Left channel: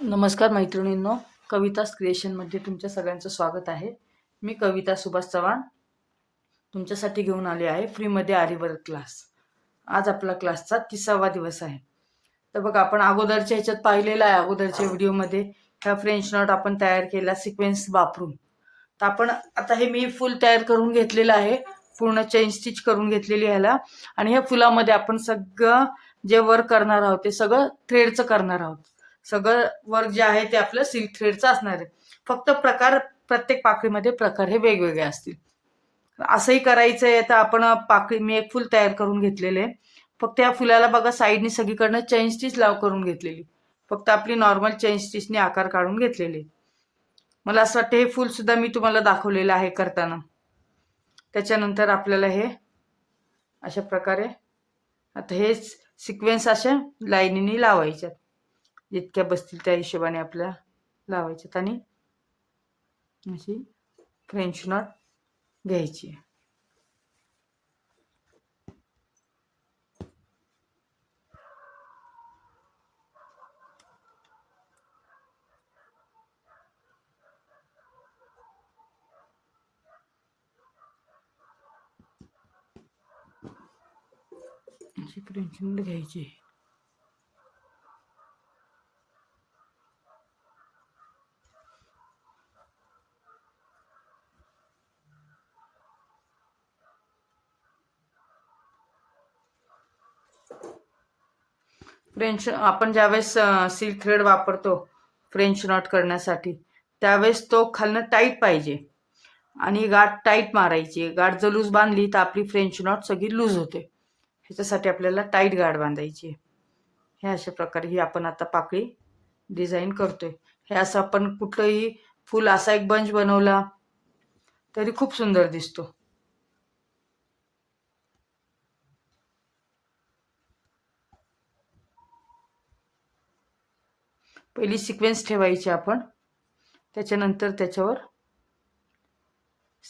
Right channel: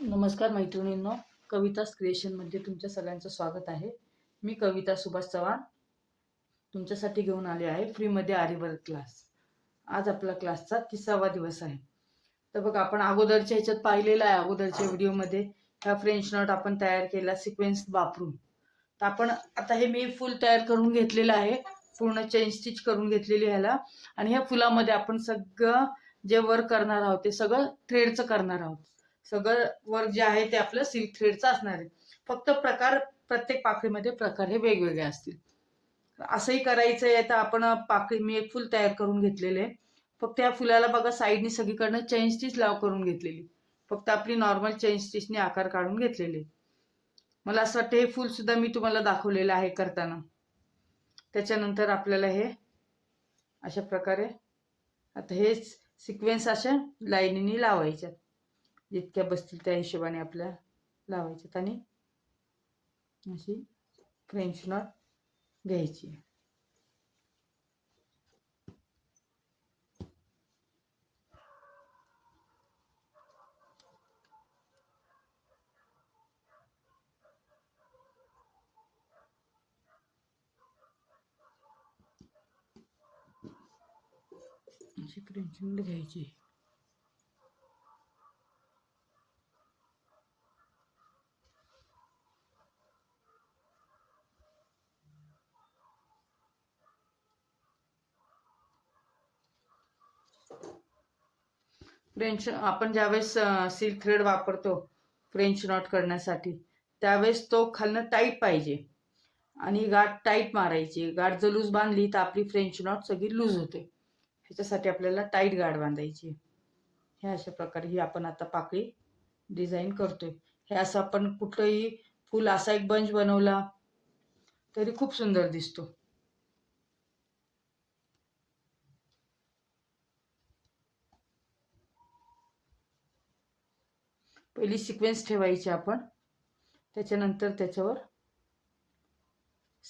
नमस्कार मैत्रिणींनो, कवितास क्रिएशनमध्ये तुमच्या सगळ्यांचं स्वागत आहे. मी कविता सुभाष चव्हाण तुमच्यासाठी घेऊन आले आहे फ्रीमध्ये आरीवर्क क्लास. आज आपला क्लासचा 30वा दिवस आहे. तर बघा, आपण अगोदरच्या ह्याच्यात पाहिलेलं आहे, अगोदरच्या व्हिडिओमध्ये ह्या फ्रेंच नॉट आपण तयार केला सिक्वेन्स वापरून. तर आपण आता हे मी फुल तयार करून घेतलेलं आहे, पूर्ण चेन स्टिच करून घेतलेली ह्याला. आणि ह्या फुलामध्ये आपण सगळं जे वर्क करणार आहोत ते सगळं थ्रेडचं करणार आहोत. सगळं वर्क जे आहे ते आपलं सिल्क थ्रेडचं असणार आहे. फक्त प्रकार प्रत्येक पाकळीमध्ये प्रकार हे वेगवेगळे असतील. असंही करायचं आहे तर आपण पाकळी मी एक फुल तयार करून घेतलेले. फक्त या फुलाला बघा साईडनी सगळीकडनं चेन स्टिच करून घेतलेली. फक्त आपली नॉर्मल चेन स्टिचने आकार काढून घेतलेले. मला असं वाटतं हे फुल सुद्धा मी तुम्हाला दाखवलेलं आहे करताना. त्याच्यानंतर आपल्याला हे अशा प्रकारे आता हे सिक्वेन्स अशा लाईनीने लावायच्यात. जितक्या बसतील त्या हिशोबाने आपल्याला लावायच्यात आणि अशी फ्रेंच नॉट घ्यायची. अशी फ्रेंच नॉट घ्यायची. फ्रेंच आपण ज्यावेळेस सिल्क थ्रेड वापरतो फ्रेंच नॉट करण्यासाठी, त्यावेळेस तो खालनं टाईट पाहिजे आणि गाठ टाईट मारायची. गाठ जर लूज बांधली तर आपली फ्रेंच नॉट सगळी लूज होते. ह्याच्यासाठी आपल्याला टाईट गाठ बांधायची. हे अशा प्रकारे ही आपण आता पाकळी डिझाईन करतोय. हे असं आपण कुठलंही फुल असा एक बंच बनवला तरी खूप सुंदर दिसतो. पहिली सिक्वेन्स ठेवायची आपण, त्याच्यानंतर त्याच्यावर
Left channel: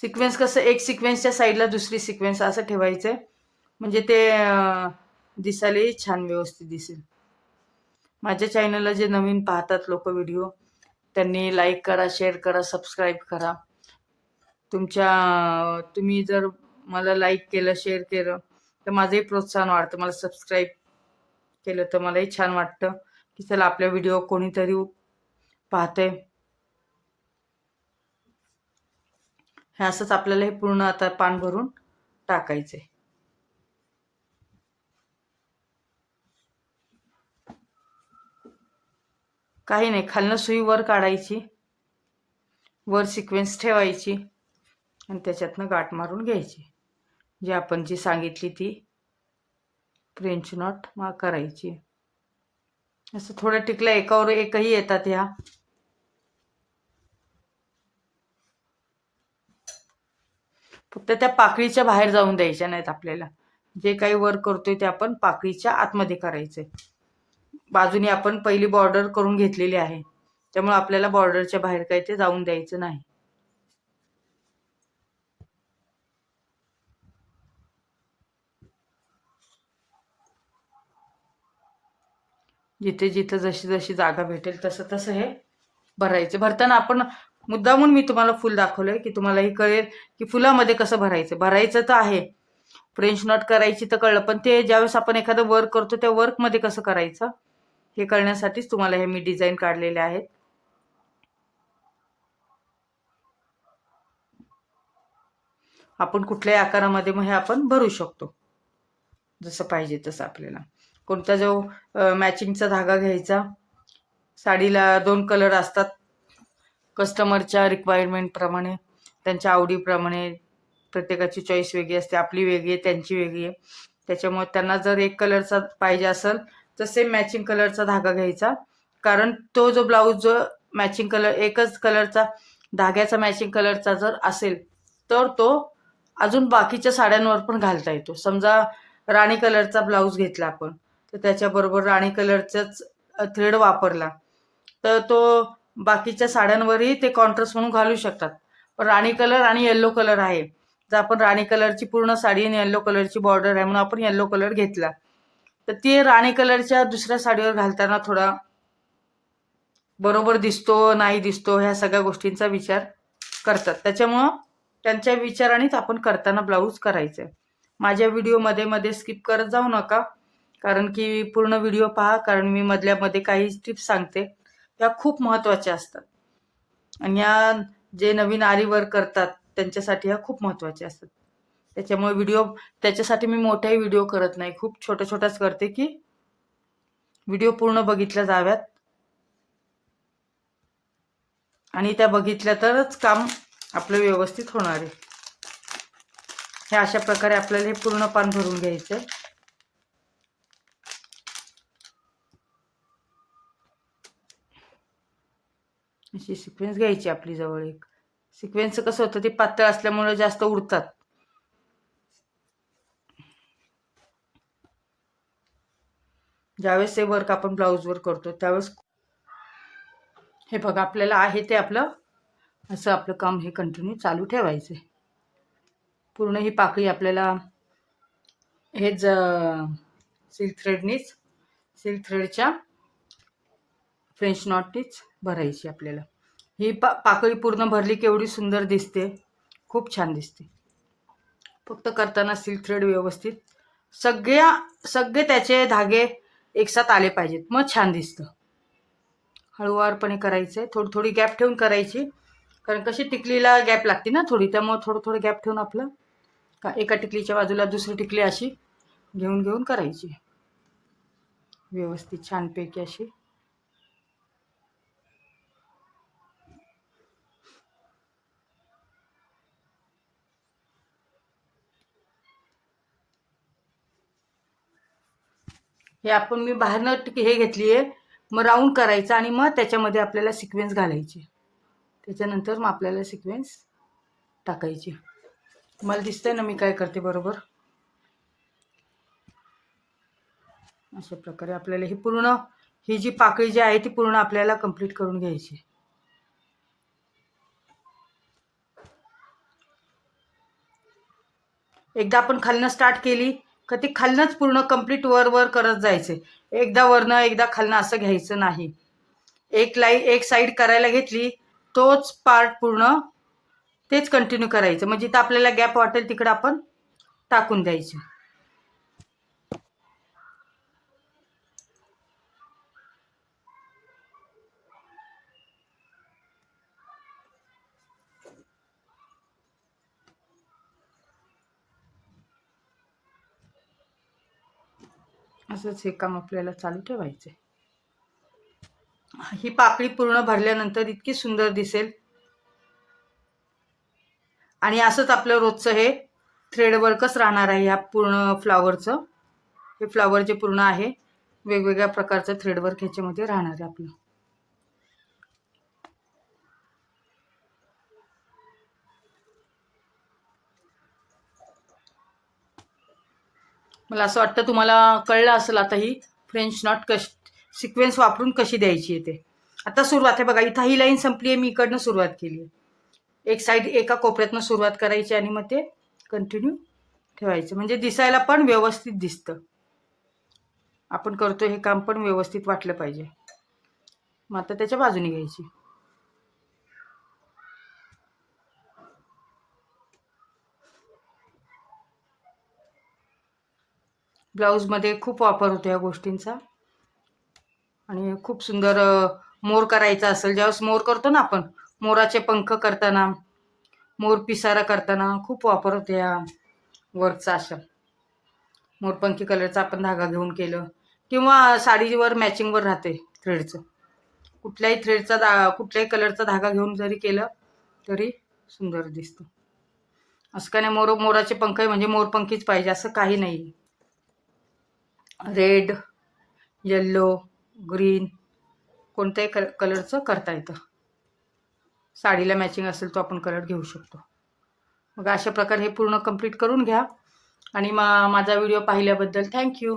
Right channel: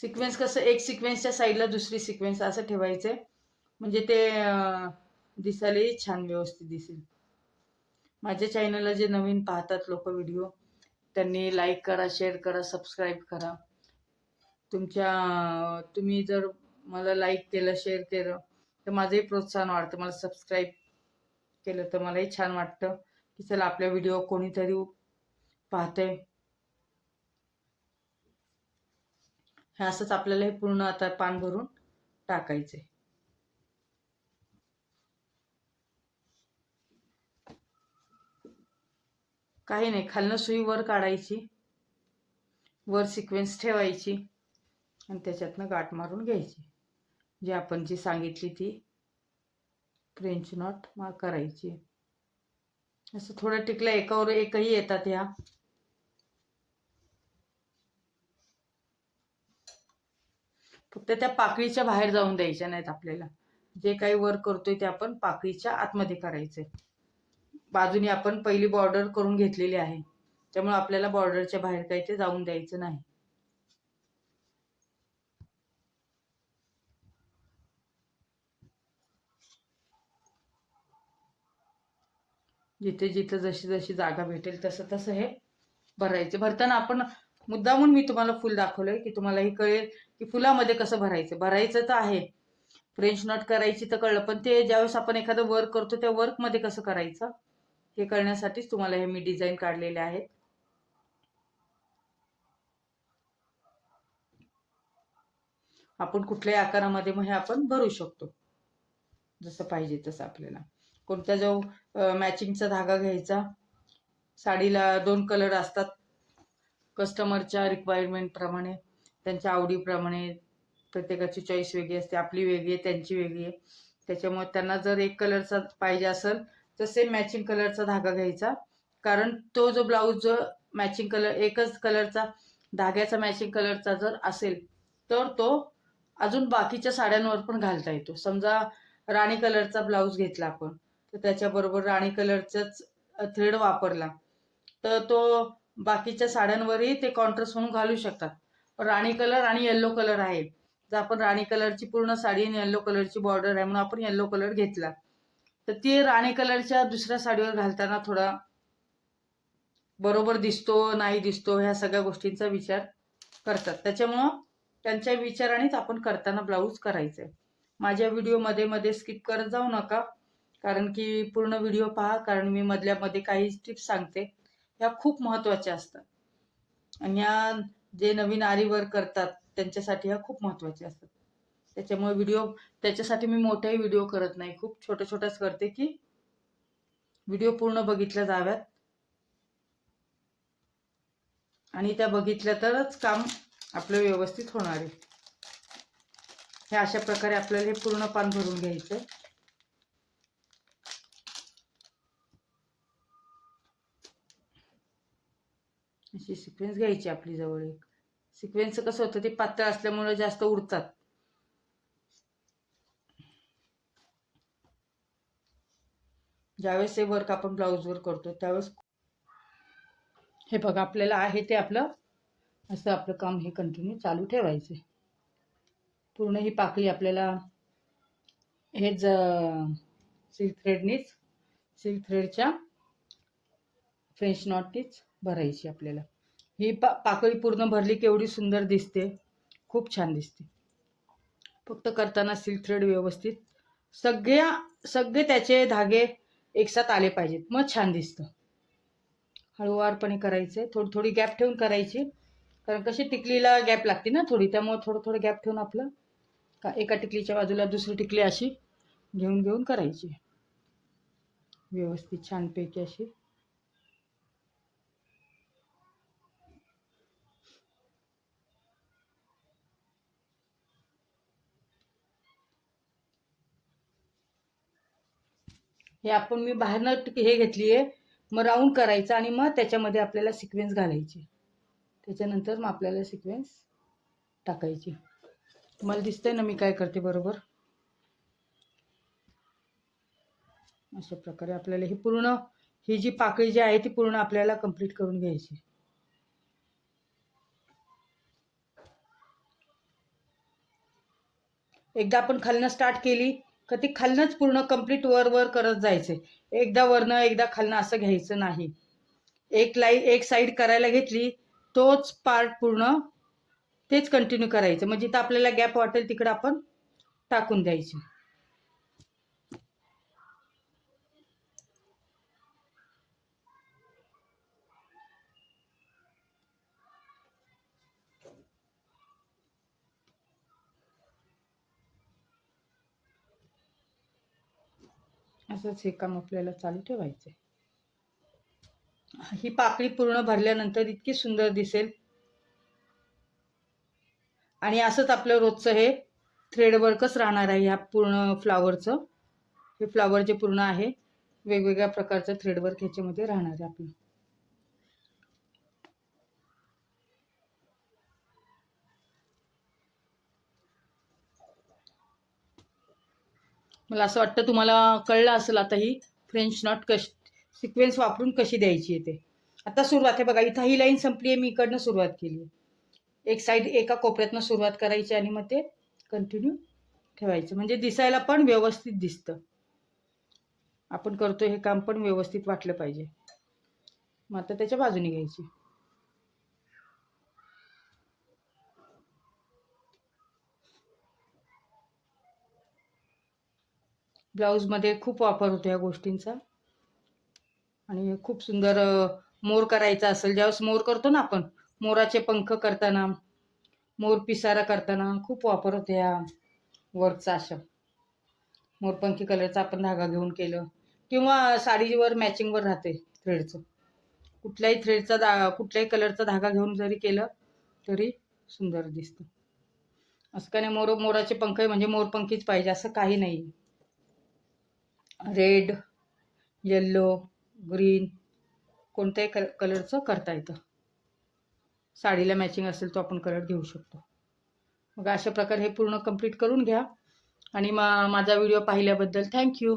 सिक्वेन्स कसं एक सिक्वेन्सच्या साईडला दुसरी सिक्वेन्स असं ठेवायचंय, म्हणजे ते दिसायलाही छान व्यवस्थित दिसेल. माझ्या चॅनलला जे नवीन पाहतात लोक व्हिडिओ, त्यांनी लाईक करा, शेअर करा, सबस्क्राईब करा. तुम्ही जर मला लाईक केलं, शेअर केलं तर माझंही प्रोत्साहन वाढतं. मला सबस्क्राईब केलं तर मलाही छान वाटतं की चला आपल्या व्हिडिओ कोणीतरी पाहतंय. हे असंच आपल्याला हे पूर्ण आता पान भरून टाकायचंय. काही नाही, खालनं सुई वर काढायची, वर सिक्वेन्स ठेवायची आणि त्याच्यातनं गाठ मारून घ्यायची. जी आपण जी सांगितली ती फ्रेंच नॉट करायची. असं थोडं टिकलं, एकावर एकही येतात ह्या. फक्त त्या पाकळीच्या बाहेर जाऊन द्यायच्या नाहीत आपल्याला. जे काही वर्क करतोय ते आपण पाकळीच्या आतमध्ये करायचंय. बाजूने आपण पहिली बॉर्डर करून घेतलेली आहे, त्यामुळे आपल्याला बॉर्डरच्या बाहेर काही ते जाऊन द्यायचं नाही. जिथे जिथे जशी जशी जागा भेटेल तसं तसं हे भरायचं. भरताना आपण मुद्दामून मी तुम्हाला फुल दाखवलंय की तुम्हालाही कळेल की फुलामध्ये कसं भरायचं. भरायचं तर आहे, फ्रेंच नॉट करायची तर कळलं, पण ते ज्यावेळेस आपण एखादं वर्क करतो त्या वर्कमध्ये कसं करायचं हे कळण्यासाठीच तुम्हाला हे मी डिझाईन काढलेले आहेत. आपण कुठल्याही आकारामध्ये मग हे आपण भरू शकतो, जसं पाहिजे तसं आपल्याला. कोणता जो मॅचिंगचा धागा घ्यायचा. साडीला 2 कलर असतात, कस्टमरच्या रिक्वायरमेंटप्रमाणे, त्यांच्या आवडीप्रमाणे. प्रत्येकाची चॉईस वेगळी असते, आपली वेगळी आहे, त्यांची वेगळी आहे. त्याच्यामुळे त्यांना जर एक कलरचा पाहिजे असेल तर सेम मॅचिंग कलरचा धागा घ्यायचा. कारण तो जो ब्लाऊज जो मॅचिंग कलर एकच कलरचा धाग्याचा मॅचिंग कलरचा जर असेल तर तो अजून बाकीच्या साड्यांवर पण घालता येतो. समजा राणी कलरचा ब्लाऊज घेतला आपण, तर त्याच्याबरोबर राणी कलरचाच थ्रेड वापरला तर तो बाकीच्या साड्यांवरही ते कॉन्ट्रास्ट म्हणून घालू शकतात. पण राणी कलर आणि येल्लो कलर आहे, जर आपण राणी कलरची पूर्ण साडी आणि येल्लो कलरची बॉर्डर आहे म्हणून आपण येल्लो कलर घेतला, तर ती राणी कलरच्या दुसऱ्या साडीवर घालताना थोडा बरोबर दिसतो नाही दिसतो ह्या सगळ्या गोष्टींचा विचार करतात. त्याच्यामुळं त्यांच्या विचारानेच आपण करताना ब्लाऊज करायचं आहे. माझ्या व्हिडिओ मध्ये मध्ये स्किप करत जाऊ नका, कारण की पूर्ण व्हिडिओ पहा, कारण मी मधल्यामध्ये काही टिप्स सांगते ह्या खूप महत्त्वाच्या असतात. आणि ह्या जे नवीन आरी वर्क करतात त्यांच्यासाठी ह्या खूप महत्त्वाच्या असतात. त्याच्यामुळे त्याच्यासाठी मी मोठेही व्हिडिओ करत नाही, खूप छोट्या छोट्याच करते की व्हिडिओ पूर्ण बघितल्या जाव्यात आणि त्या बघितल्या तरच काम आपलं व्यवस्थित होणार आहे. हे अशा प्रकारे आपल्याला हे पूर्ण पान भरून घ्यायचं आहे. अशी सिक्वेन्स घ्यायची आपली जवळ एक. सिक्वेन्स कसं होतं ते पातळ असल्यामुळे जास्त उडतात. ज्यावेळेस हे वर्क आपण ब्लाऊजवर करतो त्यावेळेस हे बघा आपल्याला आहे ते आपलं असं आपलं काम हे कंटिन्यू चालू ठेवायचं. पूर्ण ही पाकळी आपल्याला हेच सिल्क थ्रेडच्या फ्रेंच नॉटनीच भरायची आपल्याला. ही पाकळी पूर्ण भरली की एवढी सुंदर दिसते, खूप छान दिसते. फक्त करताना सिल्क थ्रेड व्यवस्थित सगळे त्याचे धागे एकसाथ आले पाहिजेत, मग छान दिसतं. हळूवारपणे करायचंय, थोडी थोडी गॅप ठेवून करायची, कारण कशी टिकलीला गॅप लागते ना थोडी, त्यामुळे थोडं थोडं गॅप ठेवून आपलं एका टिकलीच्या बाजूला दुसरी टिकली अशी घेऊन घेऊन करायची व्यवस्थित छानपैकी अशी. हे आपण मी बाहेरनं हे घेतली आहे, मग राऊंड करायचं आणि मग त्याच्यामध्ये आपल्याला सिक्वेन्स घालायची. त्याच्यानंतर मग आपल्याला सिक्वेन्स टाकायची. मला दिसतंय ना मी काय करते बरोबर. अशा प्रकारे आपल्याला ही जी पाकळी जी आहे ती पूर्ण आपल्याला कंप्लीट करून घ्यायची. एकदा आपण खालनं स्टार्ट केली का ती खालनंच पूर्ण कंप्लीट वर करत जायचे. एकदा वरनं एकदा खालनं असं घ्यायचं नाही. एक साईड करायला घेतली तोच पार्ट पूर्ण तेच कंटिन्यू करायचं. म्हणजे जिथं आपल्याला गॅप वाटेल तिकडे आपण टाकून द्यायचं. असंच हे काम आपल्याला चालू ठेवायचं. ही पाकळी पूर्ण भरल्यानंतर इतकी सुंदर दिसेल. आणि असंच आपलं रोजचं हे थ्रेड वर्कच राहणार आहे. या पूर्ण फ्लावरचं हे फ्लावर जे पूर्ण आहे वेगवेगळ्या प्रकारचं थ्रेड वर्क ह्याच्यामध्ये राहणार आहे आपलं. मला असं वाटतं तुम्हाला कळलं असेल आता ही फ्रेंच नॉट सिक्वेन्स वापरून कशी द्यायची आहे ते. आता सुरुवात आहे बघा, इथं ही लाईन संपली आहे, मी इकडनं सुरुवात केली आहे. एक साईड एका कोपऱ्यातनं सुरुवात करायची आणि मग ते कंटिन्यू ठेवायचं, म्हणजे दिसायला पण व्यवस्थित दिसतं. आपण करतोय हे काम पण व्यवस्थित वाटलं पाहिजे. मग आता त्याच्या बाजूने घ्यायची. ब्लाऊजमध्ये खूप वापर होतो या गोष्टींचा. आणि खूप सुंदर मोर करायचा असेल, ज्यावेळेस मोर करतो ना आपण, मोराचे पंख करताना, मोर पिसारा करताना खूप वापर होतो या वर्कचा. अशा मोरपंखी कलरचा आपण धागा घेऊन केलं किंवा साडीवर मॅचिंगवर राहते थ्रेडचं. कुठल्याही कलरचा धागा घेऊन जरी केलं तरी सुंदर दिसतं. असं काय नाही मोराचे पंख आहे म्हणजे मोरपंखीच पाहिजे असं काही नाही. रेड, येल्लो, ग्रीन कोणत्याही कलरचं करता येतं. साडीला मॅचिंग असेल तो आपण कलर घेऊ शकतो. मग अशा प्रकारे हे पूर्ण कंप्लीट करून घ्या. आणि माझा व्हिडिओ पाहिल्याबद्दल थँक्यू.